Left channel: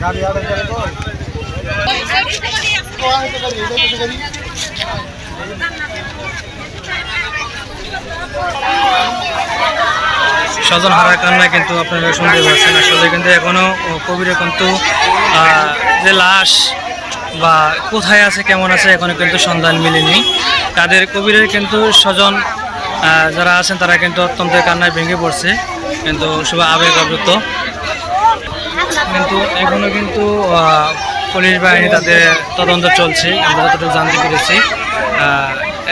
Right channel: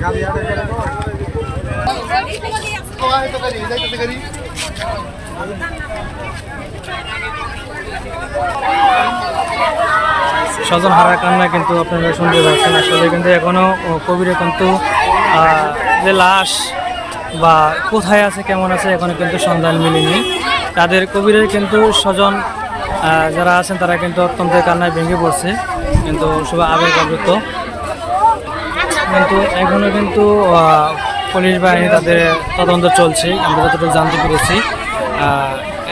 गाड़ी आ रही है तो आ तो करिए इधर से करिए Thank you. স্বজন হারা কান্না কিন্তু আপনারা শুনতে পাচ্ছেন আসলে কিন্তু এখনও কবিরে কিন্তু যে লাশ বা কোথায় আছে, কেমন আছে, এখনও কিন্তু সন্ধান মিলেনি। তাদের কবিরের কিন্তু স্বজন যারা আছেন, তারা কিন্তু অত্যন্ত কান্নায় ভেঙে পড়ছে। কিন্তু সবাই আবেগ আবৃত কিন্তু এখনও কিন্তু পুলিশ বাহিনী তাদের তদন্ত চলছে। আমরা যতটুকু জানতে পেরেছি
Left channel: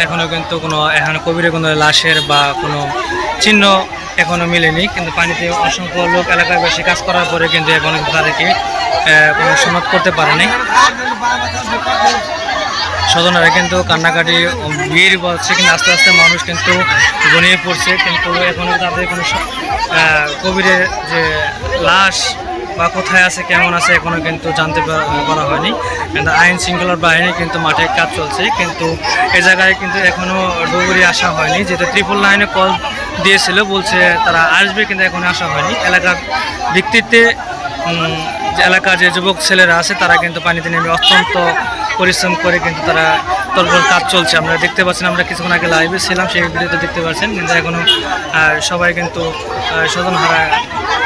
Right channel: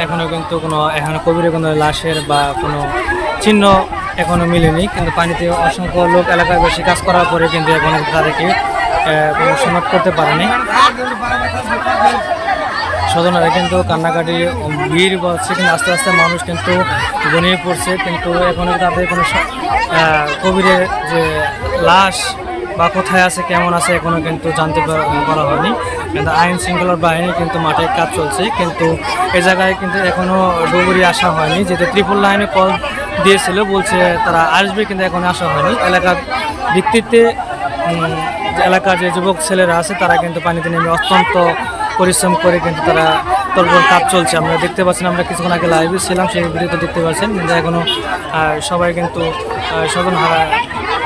এখনও কিন্তু কোনো, এখনও কবিরের কোনো লাশের বা কোনো চিহ্ন এখনও মিলেনি, কিন্তু পানিতে অসংখ্য লোক এলাকায় বেশি কাজ করার পরে কিন্তু এখনও তাদেরকে কোনো সমাপ্ত করতে পারেনি। স্বজনেরা কিন্তু কান্নাকাটি ভিড় বলছে, কিন্তু আস্তে আস্তে মানুষ কিন্তু ঘনিয়ে পড়ছে, কিন্তু এখনও তাদের কোনো কবিরের যে লাশ বা কোথায় আছে, কেমন আছে এখনও কিন্তু জানতে পারা হয়নি। কিন্তু আইন শৃঙ্খলার বাহিনী কিন্তু মাঠে কাজ চলছে, কিন্তু এ জায়গায় কিন্তু এখনও ডুবুরি আসা হয়নি, যেহেতু ত্রিপুল লাইনে কল দিয়েছিল, বলছে তারা আসবে কিন্তু এখনও আসা হয়নি। এলাকার ভিত্তিতে এলাকার যে যুবক ছেলেরা আছে, তারা কিন্তু পানিতে নেমে অত্যন্ত পরিশ্রম করে কিন্তু তারা তরফর কাজ চলছে। আমরা দেখতে পাচ্ছেন, আমরা কিছুক্ষণ আগে লাইভে ছিলাম, সেই ভিডিওতে দেখতে পাচ্ছেন, কিন্তু এখনও সবাই কিন্তু স্বজন হারা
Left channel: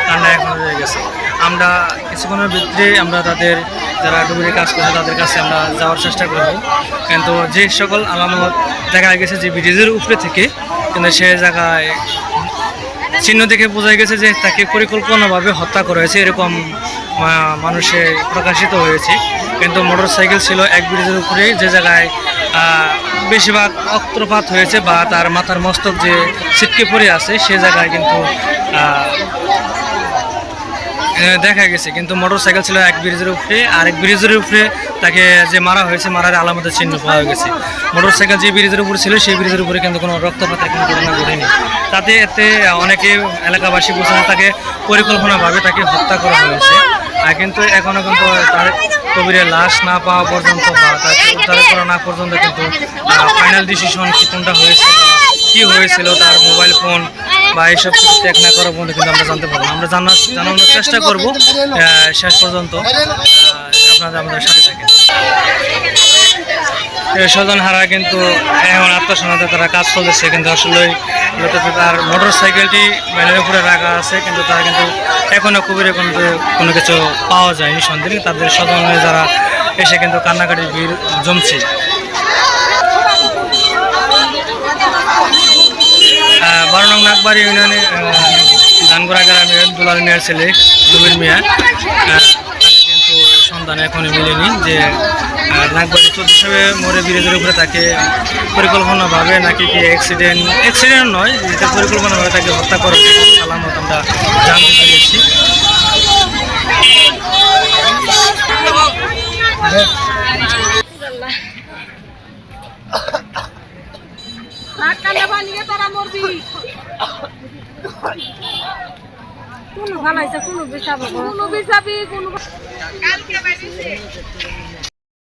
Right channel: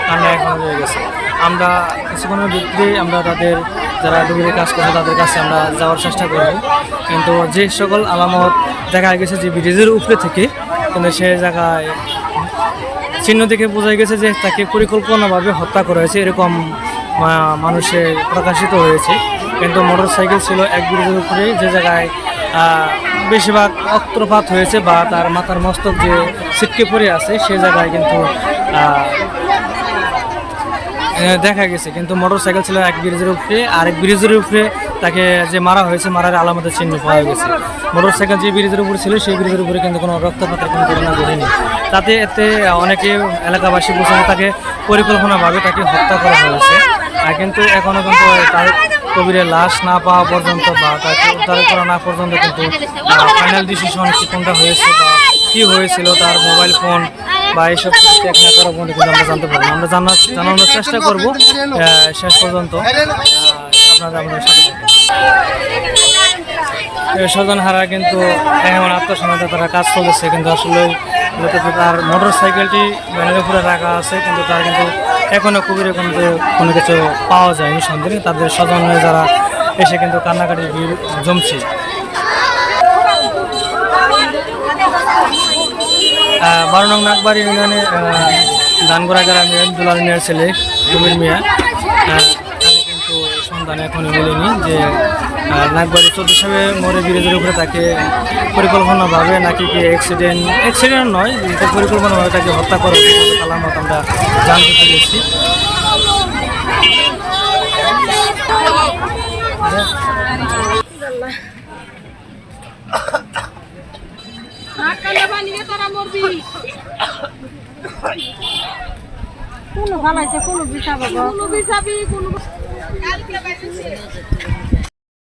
কান্না এখনও রয়ে গেছে। আমরা কিছুক্ষণের ভিতরে আমরা তাদের, যারা ডুবুরি কাজ করছে, তাদের কাছে আমরা যাওয়ার চেষ্টা করব। কিন্তু যে সকল আলামত দেখা গেছে যে ব্রিজের উপরে থেকে কিন্তু সে জায়গায় চিহ্ন দেখে বোঝা গেছে যে তাকে পরিকল্পনাভাবে হত্যা করা হয়েছে, এরকম মানুষে প্রকাশিত হয়েছে। কিন্তু মোটর সাইকেল ছিল এক ব্রিজের উপরে, যে জায়গায় বেশিরভাগ অক্ত্রপাত হয়েছে বা তার মাথার মস্তক যে ছিটকে পড়ে আছে, সে জায়গায় কিন্তু দেখা গেছে, কিন্তু মোটর সাইকেল ছিল এক ব্রিজের উপরে আর এক ব্রিজের উপরে তাকে যে মারা হয়েছে, মারার আলামতের চিহ্ন পাওয়া গেছে। মোটর সাইকেল যে ব্রিজের উপরে ছিল, সেই ব্রিজের উপরে কিন্তু কোনো রক্তপাতের কোনো ঘটনা ঘটেনি। তাতে এতে অনেকে এলাকাবাসী বলছেন তাকে পরিকল্পনাভাবে তাকে হত্যা করা হয়েছে। কিন্তু এখনও কিন্তু তার কবিরের লাশ না পাওয়া পর্যন্ত বা তাকে উদ্ধার করা না পর্যন্ত কিন্তু ফাইনাল ডিসিশন কি কোনটা হয়েছে বা কী হয়েছিল, তার মোবাইল ফোন বা এইসব চেক না করা পর্যন্ত কিন্তু আমরা জানতে পারব আমরা জানার জানানোর চেষ্টা করব শেষ পর্যন্ত আপনারা আমাদের সাথে থাকেন। স্বজন হারা কিন্তু এমন আত্মসন্ধানে তারা কাজ চলেছে কিন্তু আসলে তার মোটর সাইকেলটি ভ্যানের উপরে রাখা আছে, কিন্তু তার কিন্তু এখনও কুবিরে কোনো কোনো কিছু পাওয়া যায়নি, সন্দেহ তাদের স্বজনে যারা এসে কিন্তু কান্নাকাটির ভিড় জমছে। বারো নং নাগবাড়ি ইউনিয়নে ধানগোড়া গ্রামের দুলাল মিয়ার ছেলে কবির মিয়া। কিন্তু সন্ধান এখনই মিলেনি যে নাগবাড়ি চৌধুরী সাহেবের মোড়ে ব্রিজের উপরে তাকে পরিকল্পনাভাবে নাকি কি অ্যাক্সিডেন্ট অ্যাক্সিডেন্ট নয়, যেটা পরিকল্পনাভাবে তাকে হত্যা করা হয়েছে কিন্তু আমরা জানতে পেরেছি। নাক কানে বানিয়ে তারা মরবি। কোন বানাইছে কোন বিছাবো কোন বিচাবি কোন কালকে বানিয়েছে